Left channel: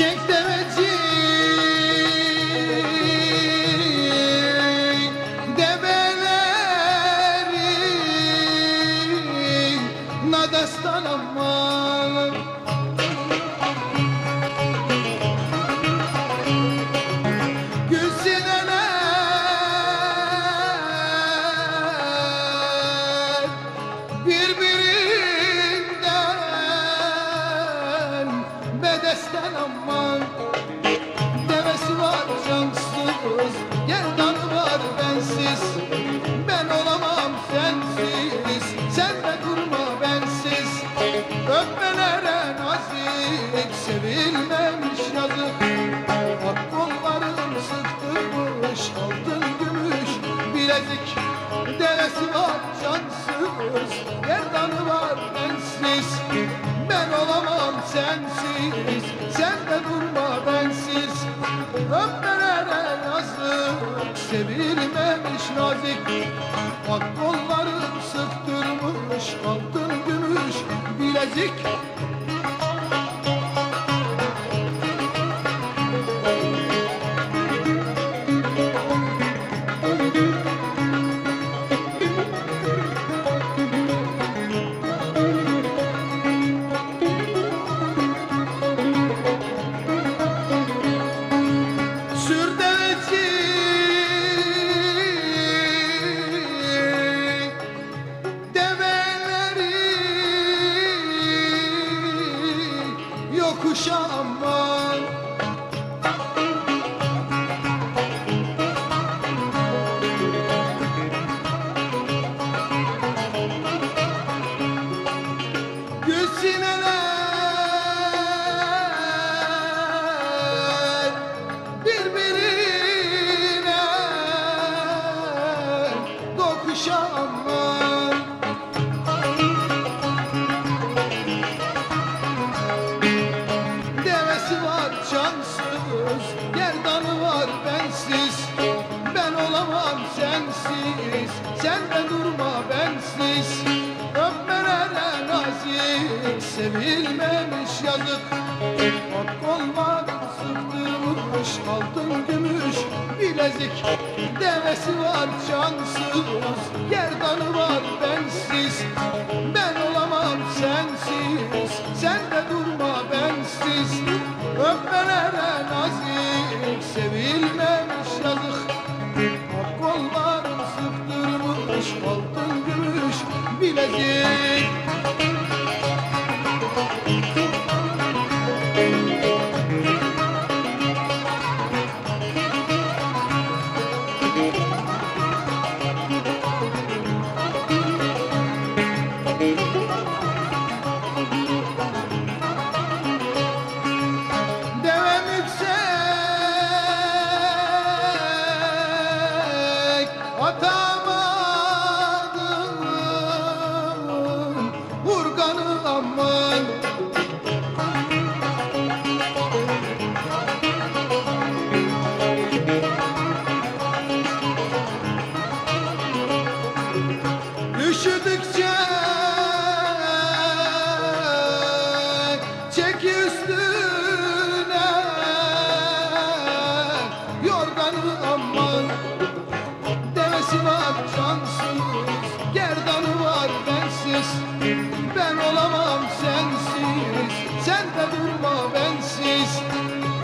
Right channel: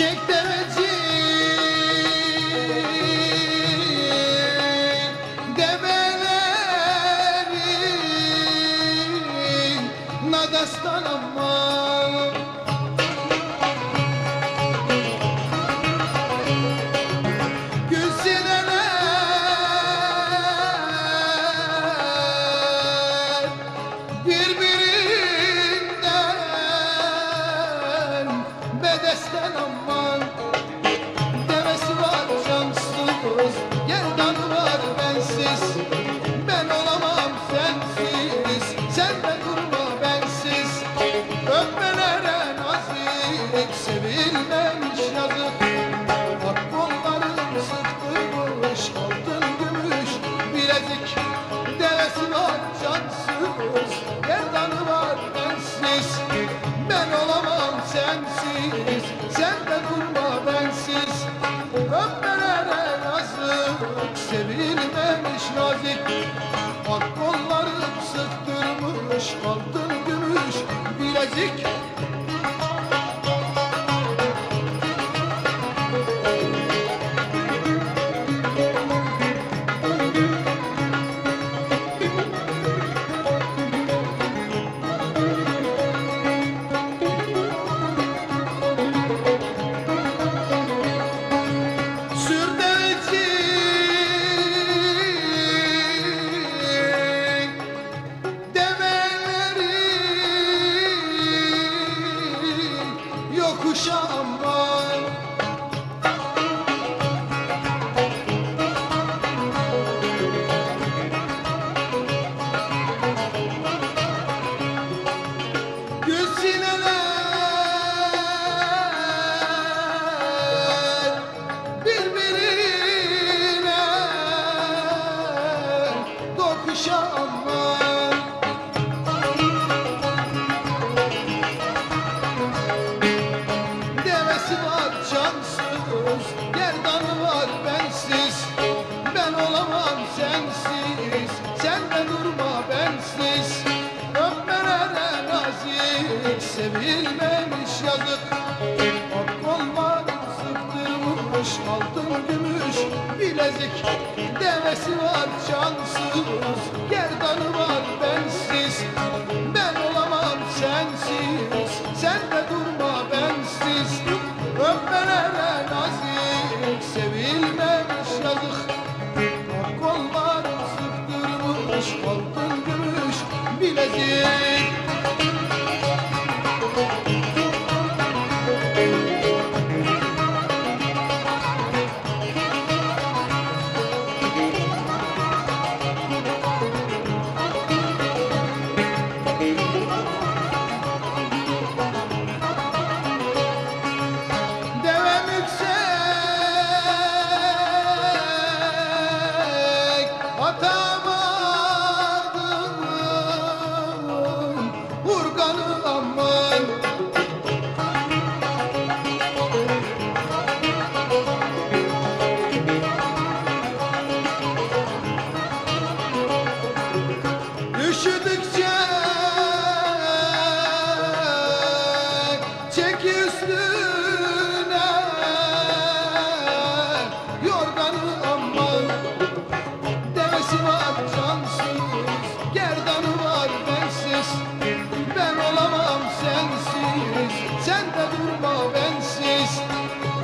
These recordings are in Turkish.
Çek deveci develeri nadastan aman. Gülsineler birbirinden bedesten aman. Devesi var cansız, gerdanı var bensiz. Ben olamam sensiz, sen de durma bensiz. Öpmelere nazik, sevilmemiş yazık. Bak kollarım sıktırmış, altın gümüş bilezik. Devesi var cansız, gerdanı var bensiz. Ben olamam sensiz, sen de durma bensiz. Öpmelere yazık, sevilmemiş nazik. Bak kollarım sıktırmış, altın gümüş bilezik. Yokuşa aman. Gülsineler birbirine dokuşa aman. Cansız, gerdanı var bensiz. Ben olamam sensiz, sen de durma bensiz. Öpmelere nazik, sevilmemiş yazık. Bak kollarım sıktırmış, altın gümüş bilezik. Devesi var cansız, gerdanı var bensiz. Ben olamam sensiz, sen de durma bensiz. Öpmelere nazik, sevilmemiş yazık. Bak kollarım sıktırmış, altın gümüş bilezik. Atamadım urganı aman. Üşüdükçe çek üstüne yorganı aman. Devesi var cansız, gerdanı var bensiz. Ben olamam sensiz, sen de durma bensiz.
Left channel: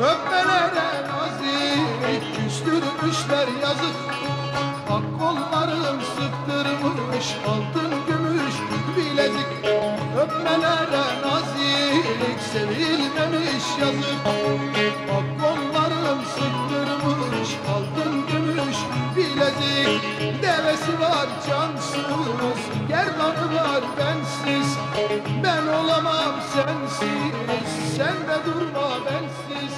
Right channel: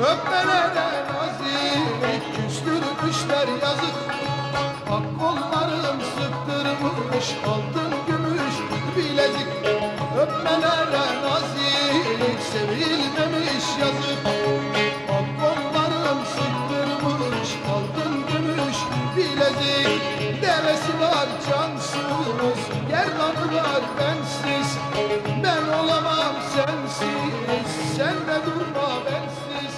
Öpmelere nazik, küstürmüşler yazık. Bak kollarım sıktırmış, altın gümüş bilezik. Öpmelere nazik, sevilmemiş yazık. Bak kollarım sıktırmış, altın gümüş bilezik. Devesi var cansız, gerdanı var bensiz. Ben olamam sensiz, sen de durma bensiz.